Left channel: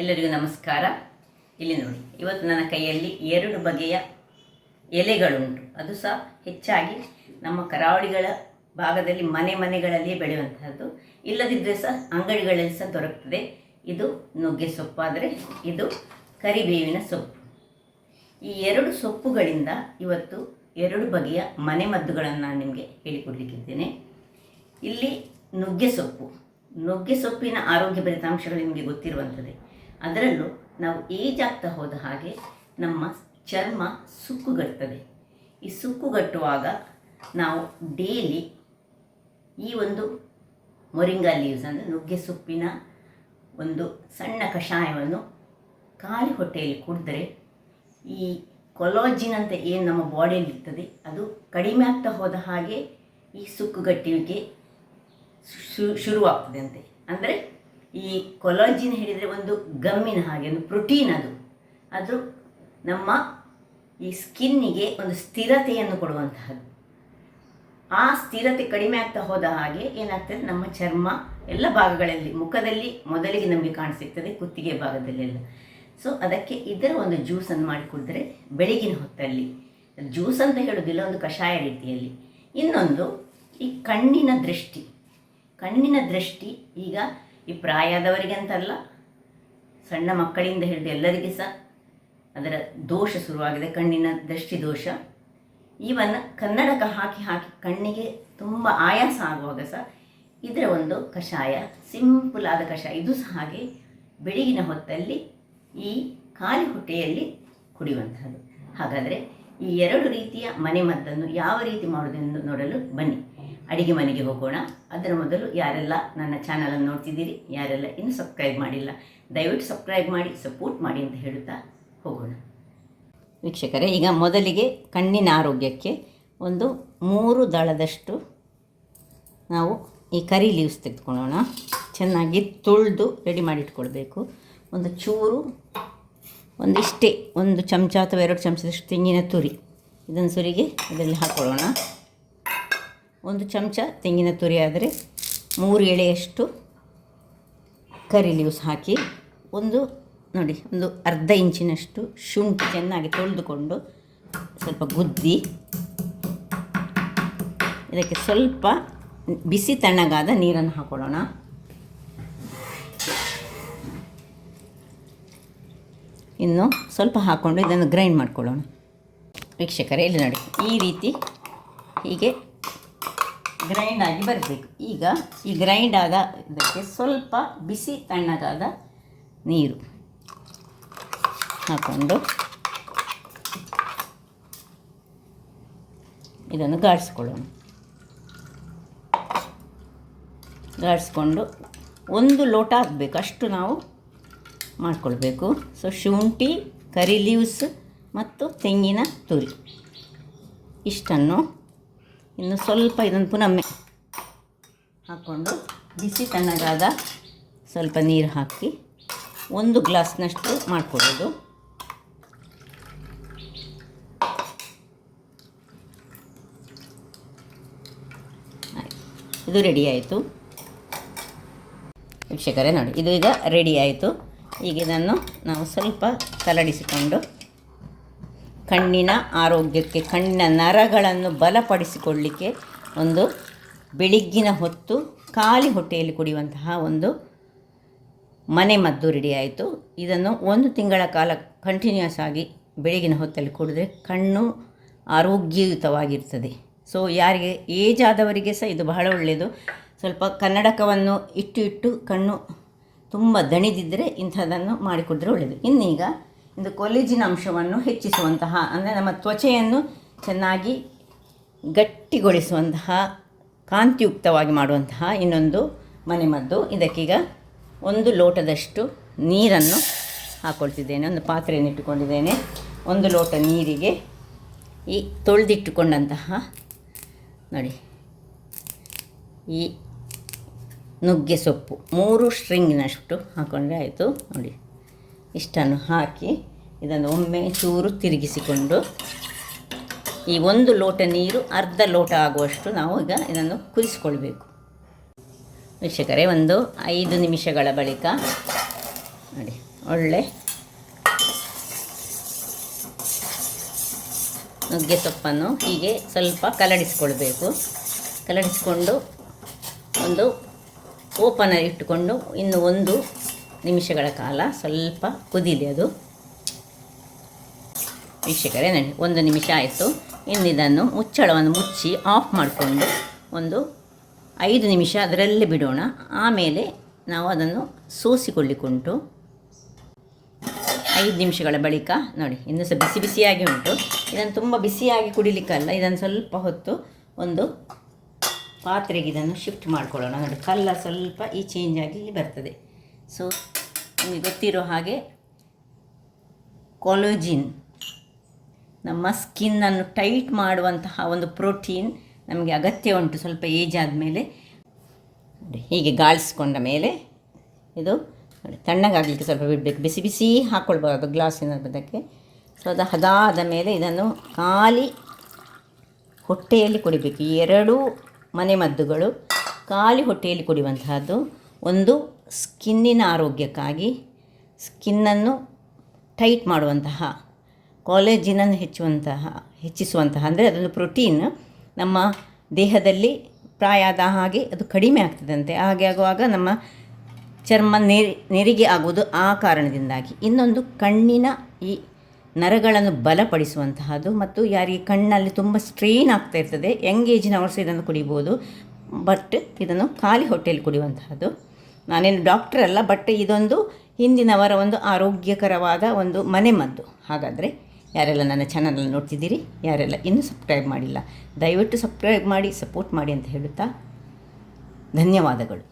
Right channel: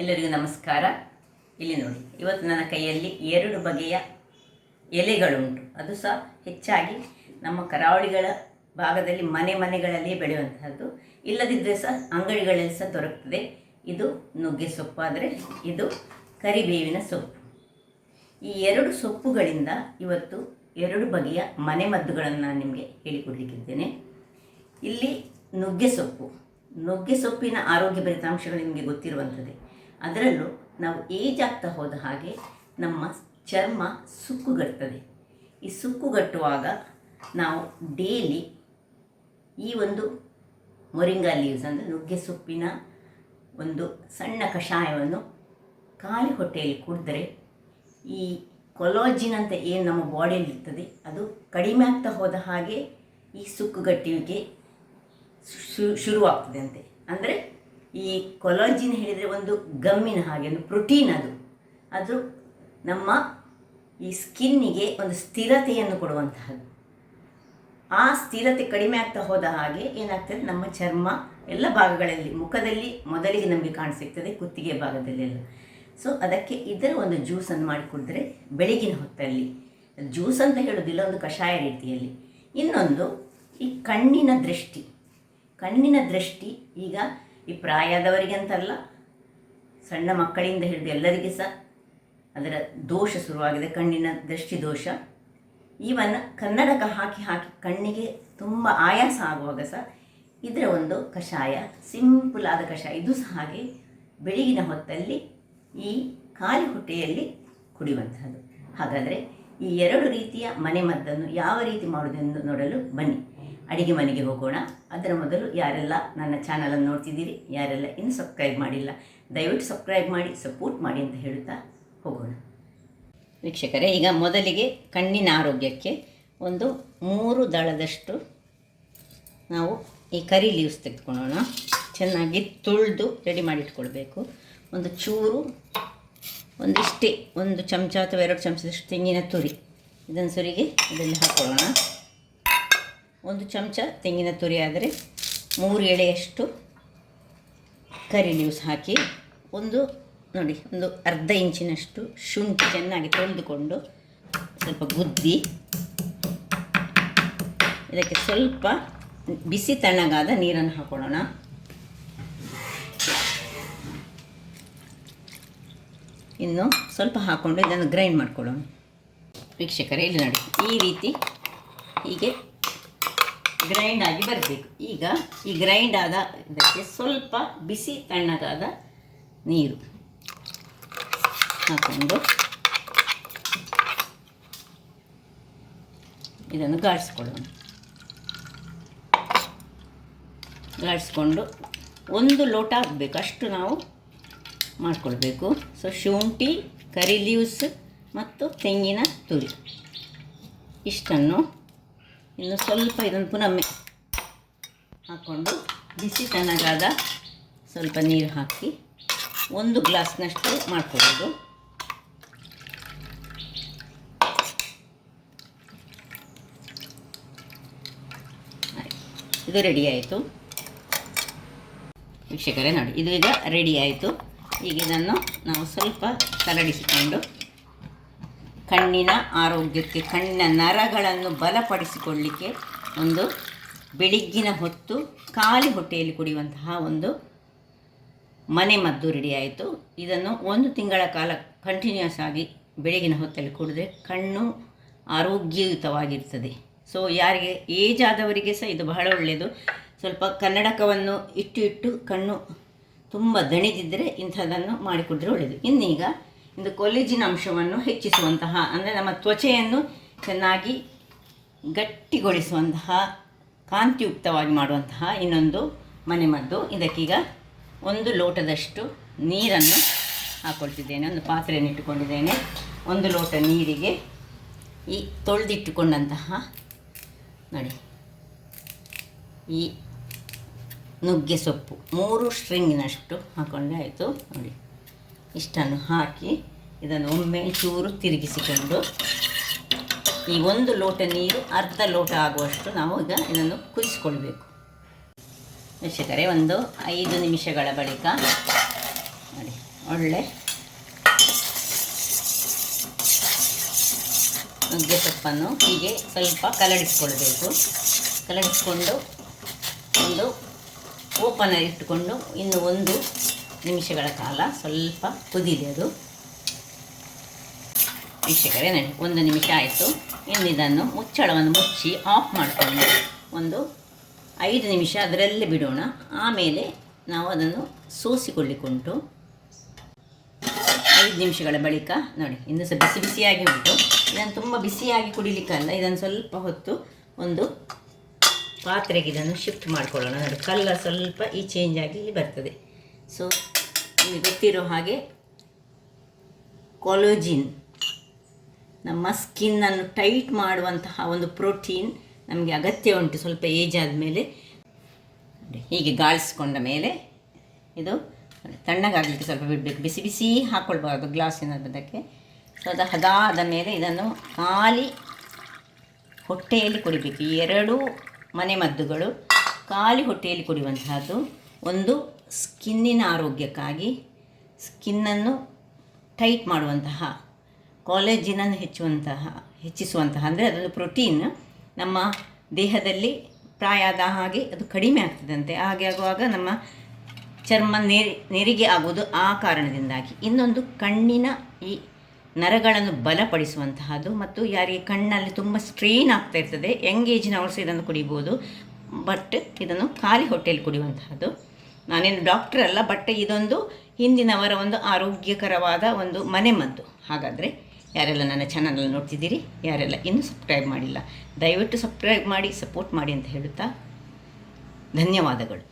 ಎಲ್ಲರಿಗೂ ನಮಸ್ಕಾರ. ಇಲ್ಲಿ ನೋಡಿ, ಇವತ್ತು ನನ್ನ ಕೈಯಲ್ಲಿ 2 ಬಗೆಯ ಎಲೆಗಳುಂಟು. ಅದು ಸಹ ಹೆಚ್ಚಾಗಿ ನಮ್ಮ ಕರಾವಳಿಗಳ ಭಾಗದಲ್ಲಿ ಮನೆಗಳಲ್ಲಿ ಬೆಳೆಯುವಂತಹದ್ದು. ಇಲ್ಲದಿದ್ದರೆ ಸಹ ಅಂಗಡಿಗಳಲ್ಲಿ ಸಹ ದೊರಕುತ್ತದೆ. ಇದು ನುಗ್ಗೆ ಸೊಪ್ಪಾದರೆ ಇದು ಕರಿಬೇವಿನ ಸೊಪ್ಪು. ಈ 2 ಸೊಪ್ಪುಗಳಿಂದ ಇವತ್ತು 2 ಬಗೆಯ ಮನೆಮದ್ದುಗಳನ್ನು ನಾನು ನಿಮಗೆ ಹೇಳಿಕೊಡಲಿಕ್ಕಿದ್ದೇನೆ. ಇಲ್ಲಿ ನುಗ್ಗೆ ಸೊಪ್ಪಿನ ಆರೋಗ್ಯ ಫಲಿತಾಂಶಗಳು ನಿಮಗೆ ಗೊತ್ತಿರುವಂಥದ್ದೇ. ಅದರಲ್ಲೂ ನಾವು ಏಜ್ ಆಗ್ತಾ ಹೋದ ಹಾಗೆ ನಮ್ಮ ಚರ್ಮ ಸುಕ್ಕುಗಟ್ಟುತ್ತದೆ. ಈ ಸುಕ್ಕುಗಟ್ಟುವಾಗ ನಾವು ಡೈಲಿ ಈ ಒಂದು ಮೊರಿಂಗಾ ಲೀವ್ಸ್ ಅಂದರೆ ನುಗ್ಗೆ ಸೊಪ್ಪಿನ ಒಂದು ಸಣ್ಣ ಕಷಾಯವನ್ನು ಖಾಲಿ ಹೊಟ್ಟೆಯಲ್ಲಿ ಕುಡಿದ್ರೆ ಈ ಕೊಲಾಜಿನ್ ಅಂತ ಏನು ನಮ್ಮ ಬಾಡಿಯಲ್ಲಿ ಇರ್ತದೆ ಅದು ಕಡಿಮೆ ಆಗ್ತಾ ಹೋದ ಹಾಗೆ ಈ ಸುಕ್ಕುಗಟ್ಟುವಿಕೆ ಶುರುವಾಗ್ತದೆ ಅಂತೆ. ಅಂದರೆ ಈ ಕೊಲಾಜಿನ್ ಹೇಳಿದರೆ ಒಂದು ಗಮ್ಮಿನ ಹಾಗೆ, ಒಂದು ಪ್ರೋಟೀನ್. ಅದು ನಮ್ಮ ಈ ಸ್ಕಿನ್ನಿಗೆ ಒಂದು ಸ್ಥಿರತೆಯನ್ನು ಕೊಡುವಂತಹದ್ದು. ಆ ಸ್ಥಿರತೆ ಕಡಿಮೆ ಆಗ್ತಾ ಹೋದ ಹಾಗೆ ಏನಾಗ್ತದೆ, ನಮ್ಮ ಚರ್ಮ ಎಲ್ಲ ಭಾಗಗಳಲ್ಲಿ, ಮುಖದಲ್ಲಿ ಮೊದಲಿಗೆ ನಮಗೆ ಕಾಣಿಸಿರ್ತದೆ, ಕುತ್ತಿಗೆ ಭಾಗದಲ್ಲೆಲ್ಲ. ಸೊ ಅದಕ್ಕೆ ಇದರ ಒಂದು ಜ್ಯೂಸನ್ನು ಮಾಡಿ ಕುಡಿದ್ರೆ ಬೆಳಗಿನ ಹೊತ್ತಲ್ಲಿ, ಜ್ಯೂಸ್ ಅಂತ ಹೇಳೋದಿಲ್ಲ, ಒಂದು ಕಷಾಯ ರೀತಿಯಲ್ಲಿ. ಇನ್ನೊಂದು ಈ ಕಣ್ಣಿನ ದೃಷ್ಟಿ ಈಗ ಈ ಪ್ರಾಯದವರಿಗೆ ಅಂತಲ್ಲ, ಸಣ್ಣ ಮಕ್ಕಳಿಂದ ಹಿಡಿದು ಎಲ್ಲರಿಗೆ ಸಹ ಅದರ ದೋಷ ಶುರುವಾಗಿದೆ, ಕಣ್ಣಿನ ದೃಷ್ಟಿ ದೋಷ. ಈವನ್ ಕನ್ನಡಕ ಹಾಕಿ ಕಣ್ಣಿಗೆ ತುಂಬ ಆಯಾಸ ಆಗುವಾಗ ಸಹ ಇದರ ಒಂದು ಕಷಾಯ, ಸಿಂಪಲ್ ಆದ ಕಷಾಯ, ಇದು ಸಹ ಹಾಗೆ ಬೆಳಗಿನ ಹೊತ್ತಲ್ಲಿ ಈ ಖಾಲಿ ಹೊಟ್ಟೆಯಲ್ಲಿ ಕುಡಿಯುವಂತಹದ್ದು. ಹಾಗಾದರೆ ಈ 2 ರೀತಿಯ ಮನೆಮದ್ದನ್ನು ಯಾವ ರೀತಿ ಮಾಡುವುದೆಂದು ನೋಡಲು ಬನ್ನಿ. ಅಡಿಗೆ ಮನೆಗೆ ಹೋಗೋಣ. ಅದರ ಮೊದಲು ಯಾರೆಲ್ಲ ನನ್ನ ಚಾನಲನ್ನು ನೋಡ್ತಿದ್ದೀರಿ, ಯಾರೆಲ್ಲ ಇನ್ನೂ ಸಬ್ಸ್ಕ್ರೈಬ್ ಮಾಡಿಲ್ಲ, ದಯವಿಟ್ಟು ಸಬ್ಸ್ಕ್ರೈಬ್ ಮಾಡಿ, ಸಪೋರ್ಟ್ ಮಾಡಿ ಅಂತ ಹೇಳುತ್ತಾ ಹೋಗೋಣ. ವೀಕ್ಷಕರೇ, ಈಗ ಮೊದಲಿಗೆ ಕಣ್ಣಿನ ಆರೋಗ್ಯಕ್ಕೆ ಒಂದು 3 ದಳದಷ್ಟು ನಾವು ಈ ಕರಿ ಲೀವ್ಸ್ ತೆಗೆದುಕೊಳ್ಳೋಣ. ಚೆನ್ನಾಗಿ ತೊಳೆದು ರೆಡಿ ಮಾಡಿಟ್ಕೊಳ್ಬೇಕು. ಒಂದು ಚೂರು, ಒಂದಿಷ್ಟೇ, 1 ಚಮಚ ಅಥವಾ 2 ಚಮಚದಷ್ಟು ತೆಂಗಿನ ತುರಿ, ಇದನ್ನು ಸುರಿಗೆ ಇದರಲ್ಲಿ ಹಾಕ್ಕೊಳ್ಳೋಣ. 1 ಚಮಚ ತೆಂಗಿನ ತುರಿ ಆದರೆ 3 ಎಳೆಯಷ್ಟು ಕರಿ ಲೀವ್ಸ್ ಹಾಕಿ, ಒಂದು ಅರ್ಧ ಇಂಚಿನಷ್ಟು ಶುಂಠಿ ಚೆನ್ನಾಗಿ ತೊಳೆದುಕೊಂಡು ಸ್ವಲ್ಪ ಗುದ್ದಿ, ಇದಕ್ಕೆ ಸ್ವಲ್ಪ ಬಿಸಿ ತಣ್ಣಗಾದ ನೀರನ್ನು ಹಾಕೊಳ್ಳೋಣ. ಇನ್ನು ಸ್ವಲ್ಪ ಹಾಕ್ಕೊಂಡು ಇದನ್ನು ಗ್ರೈಂಡ್ ಮಾಡ್ಕೊಳ್ಳೋಣ. ವೀಕ್ಷಕರೇ, ಇಲ್ಲಿ ನೋಡಿ, ಈ ರೀತಿ ಹೀಗೆ ಗ್ರೈಂಡ್ ಆಗಿ ಬರಬೇಕು. ಈಗ ಈ ಗ್ರೈಂಡ್ ಆದ ಇದಕ್ಕೆ ಸ್ವಲ್ಪ ಬಿಸಿ ತಣ್ಣಗಾದ ನೀರು ಹಾಕ್ಕೊಂಡು ಇದನ್ನು ಗಾಡಿಸ್ಕೊಂಡು 1 ಲೋಟ ಆಗಬೇಕು ಅಷ್ಟು ನಾವು ಮಾಡಿಕೊಳ್ಬೇಕು. ಸೊ ಶುಂಠಿ, ಕರಿ ಲೀವ್ಸ್ ಮತ್ತು ತೆಂಗಿನ ತುರಿ ಇಷ್ಟನ್ನು ಇನ್ನು ಸ್ವಲ್ಪ ಇದನ್ನು ಪುನಃ ಹಾಕ್ಕೊಂಡು ಬಿಸಿ ತಣ್ಣಗಾದ ಸ್ವಲ್ಪ ನೀರು ಹಾಕಿ 1 ಗ್ಲಾಸ್ನಷ್ಟು ಮಾಡಿಕೊಡೋದು. ಇದು ರೆಡಿ ಆಯಿತು. ವೀಕ್ಷಕರೇ ನೋಡಿ, ಇದು ಈಗ ರೆಡಿ ಆಯಿತು. ಈಗ ಇದನ್ನು ನಾವು ಸ್ವಲ್ಪ ಕಲಡಿಸಿಕೊಂಡು ಕಣ್ಣಿನ ಆರೋಗ್ಯಕ್ಕೆ, ಕಣ್ಣಿನ ನರಗಳನ್ನು ಬಲಪಡಿಸಿಕೊಳ್ಳಲಿಕ್ಕೆ ಒಂದು ಬೆಳಗ್ಗಿನ ಹೊತ್ತು ಖಾಲಿ ಹೊಟ್ಟೆಯಲ್ಲಿ ಕುಡಿಯುವಂತಹ ಒಂದು ಮನೆಮದ್ದು ರೆಡಿ ಆಯಿತು. ಇದನ್ನು 1 ತಿಂಗಳ ಕಾಲ ಕಂಟಿನ್ಯೂಸ್ ಆಗಿ ಬೆಳಗಿನ ಹೊತ್ತಲ್ಲಿ ಕುಡಿದ್ರೆ ಕಣ್ಣು ಆರೋಗ್ಯಯುತವಾಗಿರ್ತದೆ. ಸೊ ಯಾರಿಗೆ ಏಜ್ ಆದವರಿಗೆ ಸಹ ಇದು ಬಹಳ ಒಳ್ಳೆಯದು. ಸ್ವಲ್ಪ ಕನ್ನಡಕವನ್ನು ಇಟ್ಟು ಕಣ್ಣು ತುಂಬ ದಣಿದಿದ್ದರೆ ಇಂಥದ್ದನ್ನು ಮಾಡಿಕೊಡ್ರೆ ಒಳ್ಳೆಯದು. ಇನ್ನೀಗ ಇದು ಕೊಲೆಜಿನ್ ಅಂಶವನ್ನು ಹೆಚ್ಚಿಸುವಂತಹ, ಅಂದರೆ ನಮ್ಮ ತ್ವಚೆಯನ್ನು ಚೆನ್ನಾಗಿ ಗಟ್ಟಿಗೊಳಿಸುವಂತಹ, ಕಾಂತಿಯುಕ್ತವಾಗಿ ಮಾಡುವಂತಹ ಇನ್ನೊಂದು ಮನೆಮದ್ದು. ಇದಕ್ಕೀಗ 1 ಲೋಟದಷ್ಟು ನೀರನ್ನು ಹಾಕ್ಕೊಳ್ತಿದ್ದೇನೆ. ಒಂದು ಪಾತ್ರೆಯನ್ನು ಇಟ್ಟುಕೊಂಡಿದ್ದೇನೆ. 1 ಲೋಟ ನೀರಿಗೆ ಈ ತೊಳೆದಿಟ್ಟುಕೊಂಡಂತಹ ನೋಡಿ ಈ ನುಗ್ಗೆ ಸೊಪ್ಪು 3 ಸ್ಟ್ರಿಂಗಿನಷ್ಟು ಹಾಕ್ಕೊಂಡ್ರೆ ಆಯಿತು. ನೋಡಿ, ಇಷ್ಟನ್ನು ಹಾಕಿ ಇದನ್ನು ಒಮ್ಮೆ ಚೂರು ತಿರುಗಿಸಿಕೊಂಡು ಈ 1 ಲೋಟ ನೀರು ಅರ್ಧ ಲೋಟ ಆಗುವಷ್ಟು ನಾವು ಈಗ ಇದನ್ನು ಕುದಿಸ್ಕೊಳ್ಬೇಕು. ವೀಕ್ಷಕರೇ, ಒಂದು 5 ನಿಮಿಷಗಳ ಬಳಿಕ ನೋಡಿ ಒಳ್ಳೆ ನುಗ್ಗೆ ಸೊಪ್ಪನ್ನು ಹೀಗೆ ಸ್ವಲ್ಪ ಕಲಡಿಸ್ಕೊಳ್ಬೇಕು. ಕಲಡಿಸ್ಕೊಂಡು ಒಂದು ಓಪನಲ್ಲಿ ಇಟ್ಟುಕೊಂಡು ಇನ್ನು 1 ನಿಮಿಷಗಳ ಕಾಲ ಸ್ವಲ್ಪ ಕುದಿದೆ. ಅದು ವೀಕ್ಷಕರೇ ನೋಡಿ 1 ನಿಮಿಷ ಆಯಿತು. ಇನ್ನು ಇದನ್ನು ಮುಚ್ಚಳವನ್ನು ಮುಚ್ಚಿ ಆಫ್ ಮಾಡಿಕೊಂಡು ಒಂದು 5 ನಿಮಿಷ ಅದರಲ್ಲೇ ಬಿಡೋಣ. ಆಮೇಲೆ ನಾವು ಅದನ್ನು ಸೋಸಿಕೊಳ್ಳಿಕ್ಕುಂಟು. 5 ನಿಮಿಷಗಳ ಬಳಿಕ ನೋಡಿ ಇನ್ನೂ ಸಹ ಬಿಸಿ ಬಿಸಿಯಾಗಿ ಉಂಟು. ಇದನ್ನು ತುಂಬ ಬಿಸಿಯಾಗಿ ಕುಡಿಲಿಕ್ಕಲ್ಲ, ಇದನ್ನು ಸ್ವಲ್ಪ ಹೊತ್ತು ಒಂದು ಪಾತ್ರೆಗೆ ಇದನ್ನು ಶಿಫ್ಟ್ ಮಾಡಿಕೊಳ್ಳೋಣ. ನೋಡಿ ಕಲ್ಲರ್ ಸ್ವಲ್ಪ ಈ ಚೇಂಜ್ ಆಗಿ ಇಲ್ಲಿ ಬರ್ತದೆ. ಸೊ ನಿಮಗೆ ಗೊತ್ತಿರೋ ಹಾಗೆ ಕೊಲೋಜಿನ್ ನಮ್ಮ ಸ್ಕಿನ್ನನ್ನು ಟೈಟ್ ಮಾಡುವಂತಹ ಒಂದು ಪ್ರೋಟೀನ್ ನಮಗೆ ಅಗತ್ಯ ಉಂಟು ಸ್ವಲ್ಪ ಏಜ್ ಆದಮೇಲೆ. ಹೀಗೆ ಗಾಳಿಸ್ಕೊಂಡ ಮೇಲೆ ಇದು ತಣ್ಣಗಾಗಲಿಕ್ಕೆ ಸ್ವಲ್ಪ ಬಿಡಬೇಕು. ಬಿಸಿ ಬಿಸಿ ಹಾಕ್ಕೊಳ್ಬಾರ್ದು ಗ್ಲಾಸಿನ ಅದಕ್ಕೆ. ಸೊ ಅದು ಅದಾದ ಮೇಲೆ ಇದನ್ನು ಖಾಲಿ ಹೊಟ್ಟೆಯಲ್ಲಿ ಕುಡಿಬೇಕು. ಈ 2 ಮನೆಮದ್ದುಗಳು ಖಾಲಿ ಹೊಟ್ಟೆಯಲ್ಲಿ ಕುಡಿಯುವಂತಹದ್ದು. ಒಂದು ಸ್ಕಿನ್ನಿನ ಆರೋಗ್ಯಕ್ಕಾಗಿ, ಸ್ಕಿನ್ನನ್ನು ಟೈಟ್ ಮಾಡುವಂತಹ, ಕಾಲೇಜಿನನ್ನು ಹೆಚ್ಚಿಸುವಂತಹ ಅಂದರೆ ಅದೊಂದು ಪ್ರೋಟೀನ್ ನಮ್ಮ ದೇಹದಲ್ಲಿ ಪ್ರಾಯ ಆದ ಹಾಗೆ ಅದು ಕಡಿಮೆ ಆಗ್ತದಂತೆ. ಹಾಗೆ ಆಗುವಾಗ ನಮ್ಮ ಚರ್ಮ ನೆರಿಗೆ ಆಗುವುದು ಆ ಕಾರಣದಿಂದಾಗಿ. ಇನ್ನೊಂದು ಕಣ್ಣಿನ ಈ ನರಗಳನ್ನು ಬಲಪಡಿಸುವಂತಹದ್ದು. ಮತ್ತು ಯಾರಿಗೆ ಕಣ್ಣಲ್ಲಿ ತುಂಬ ಸ್ಟ್ರೈನ್ ಆಗ್ತಾ ಇರ್ತದೆ, ಯಂಗ್ ಏಜಿನವರು ಸಹ ಇದನ್ನು ಕುಡಿಬೋದು. ಬಟ್ ಇದನ್ನು ಖಾಲಿ ಹೊಟ್ಟೆಯಲ್ಲಿ ಕುಡಿಯುವಂತಹದ್ದು. ನಾನೇನು ಡಾಕ್ಟರ್ ಅಲ್ಲ, ಬಟ್ ಇದೊಂದು ಹಿಂದಿನವರ ಒಂದು ಆರೋಗ್ಯಕರವಾದ ಒಂದು ಮನೆಮದ್ದು. ಹಾಗಾದರೆ ಯಾರೆಲ್ಲ ನನ್ನ ಚಾನಲನ್ನು ನೋಡ್ತಿದ್ದೀರಿ, ಯಾರೆಲ್ಲ ಇನ್ನೂ ಸಬ್ಸ್ಕ್ರೈಬ್ ಮಾಡಿಲ್ಲ, ದಯವಿಟ್ಟು ಸಬ್ಸ್ಕ್ರೈಬ್ ಮಾಡಿ ಸಪೋರ್ಟ್ ಮಾಡಿ ಅಂತ ಹೇಳುತ್ತಾ ಧನ್ಯವಾದಗಳು.